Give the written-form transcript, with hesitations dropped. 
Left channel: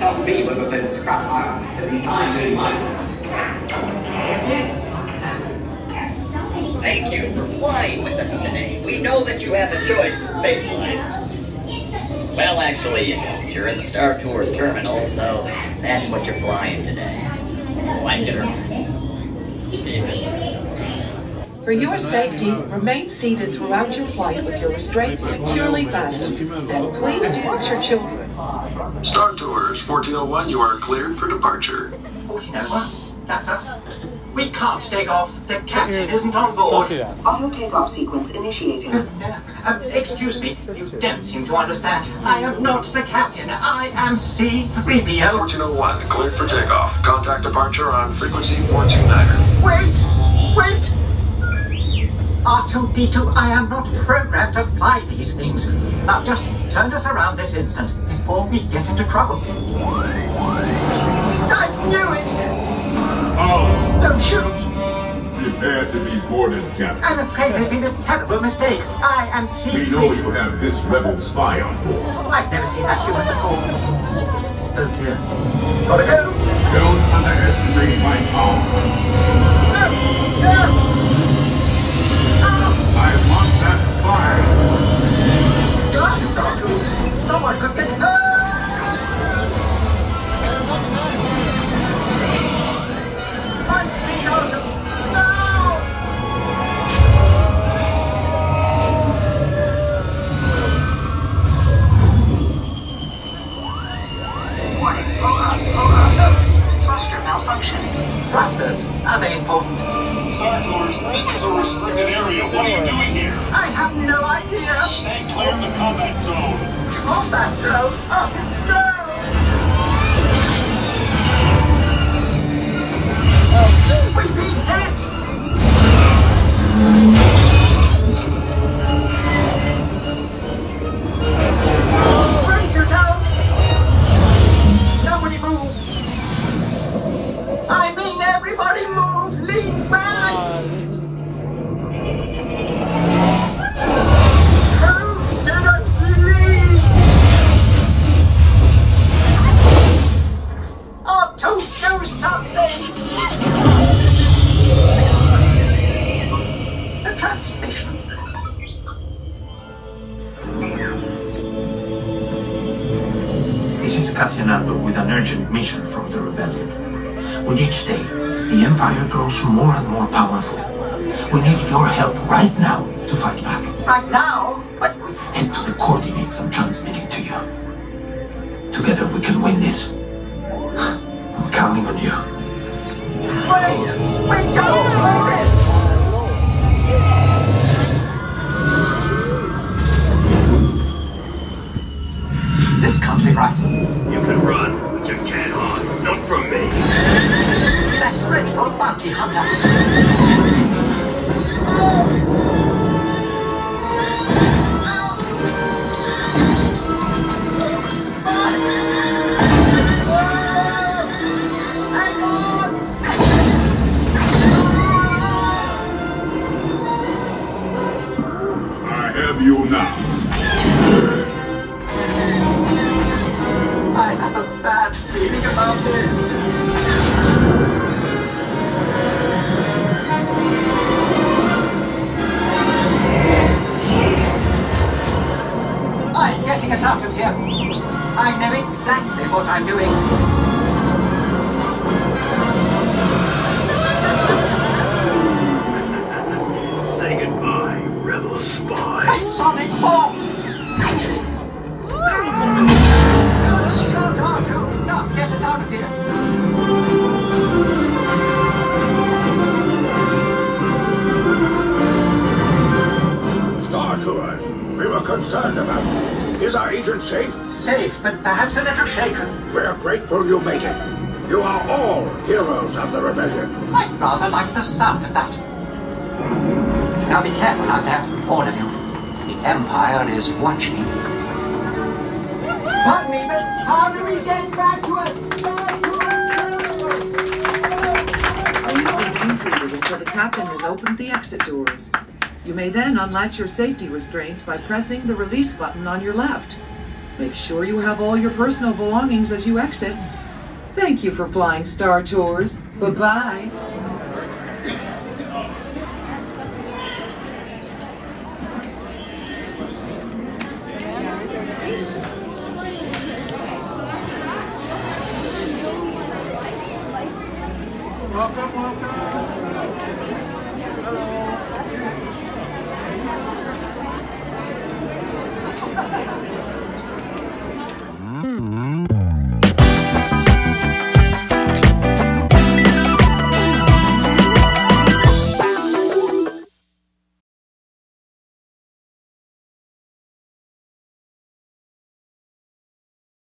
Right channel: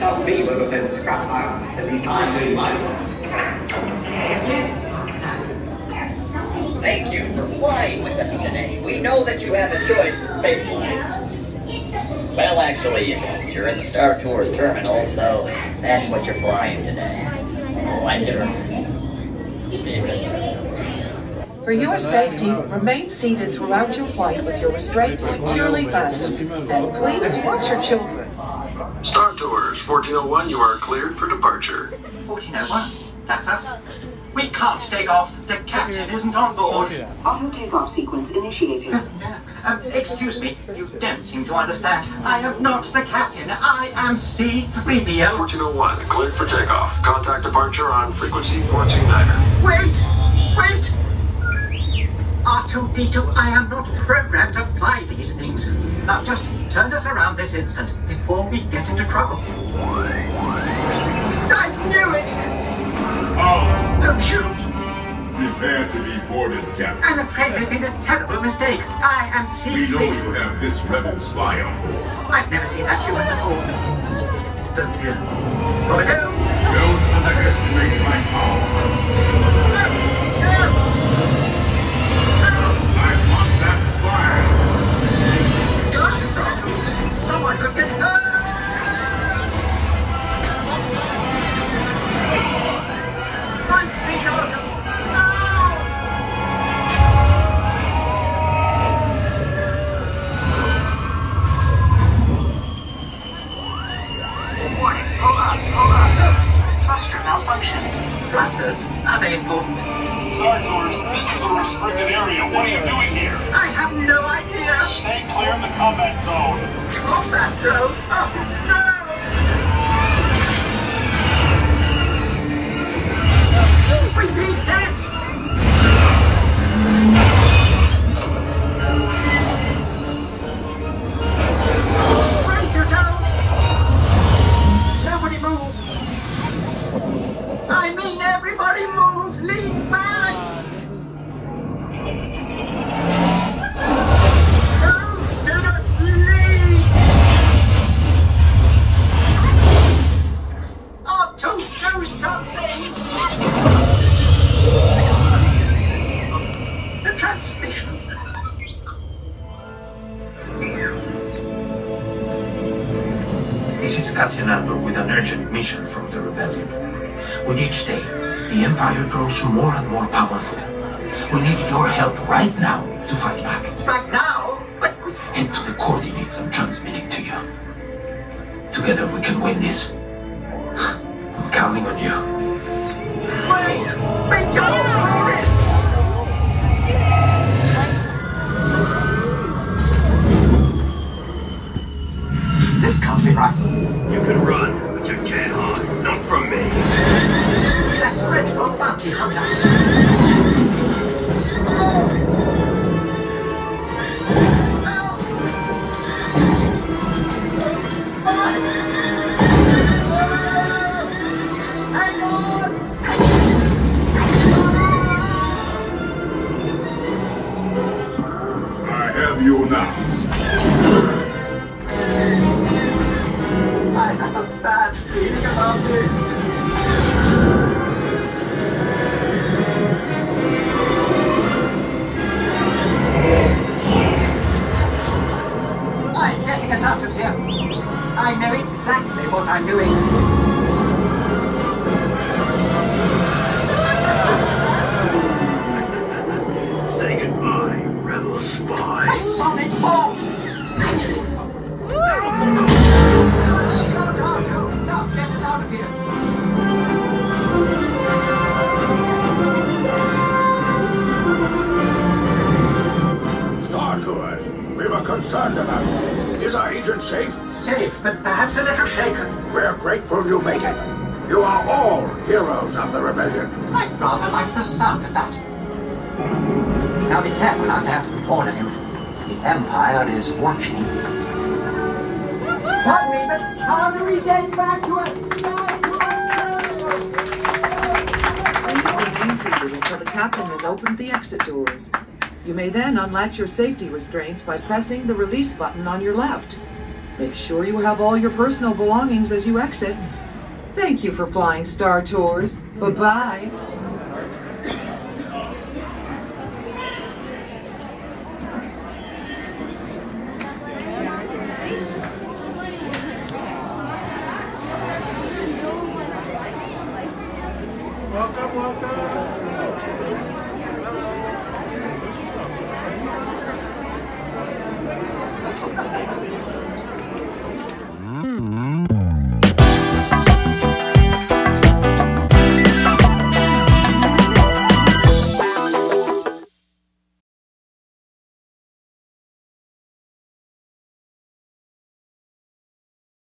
South B would have been scrap pile. At least I'm doing my job. Yes. Thank you for flying with us today. We know that you have a choice of space flights. Well, actually, you don't. You're in the Star Tours terminal, so that's what you're flying today. Oh, I never... For your safety, remain seated throughout your flight with your restraints securely fastened. And please watch your children. Star Tours, 1401, you are cleared for departure. 1401? That's us. We can't take off. The captain isn't on board. Auto takeoff sequence initiated. Excuse me, you don't seem to understand. I am not the captain. I am C-3PO. 1401, cleared for takeoff. Contact departure on frequency 429er. Wait! R2-D2, I am not programmed to fly these things. Now just turn us around this instant before we get into trouble. I knew it! Oh. Don't shoot! Prepare to be boarded, Captain. I'm afraid there's been a terrible mistake. I am C-3PO. We know you have this rebel spy on board. I've never seen that human before. Oh dear. Gotta go! Don't underestimate my power. Someone could get hurt! I'm staying out of... No! Warning, hold on. Thruster malfunction. Thrusters? Are they important? Star Tours, this is a restricted area. What are you doing here? I have no idea! Stay clear of the combat zone. Combat zone? Oh, no! We've been hit! Brace yourselves! Nobody move! I mean everybody move! Lean back! No! Do not lean! Oh, to do something! The transmission. This is Cassian Andor with an urgent mission from the rebellion. With each day, the Empire grows more and more powerful. We need your help right now to fight back. Right now? But Head to the coordinates I'm transmitting to you. Together we can win this. I'm counting on you. wait! We're just tourists! This can't be right. You can run, but you can't hide. Not from me. That dreadful bounty hunter! You now. I have a bad feeling about this. I'm getting us out of here. I know exactly what I'm doing. Say goodbye, rebel spy. A sonic bomb! Good shot, R2! Now get us out of here! Star Tours, we were concerned about you. Is our agent safe? Safe, but perhaps a little shaken. We're grateful you made it. You are all heroes of the rebellion. I'd rather like the sound of that. Now be careful out there, all of you. The Empire is watching. Pardon me, but how do we get back to it? Remain seated until the captain has opened the exit doors. You may then unlatch your safety restraints by pressing the release button on your left. Make sure you have all your personal belongings as you exit. Thank you for flying Star Tours. Bye-bye. Welcome, welcome.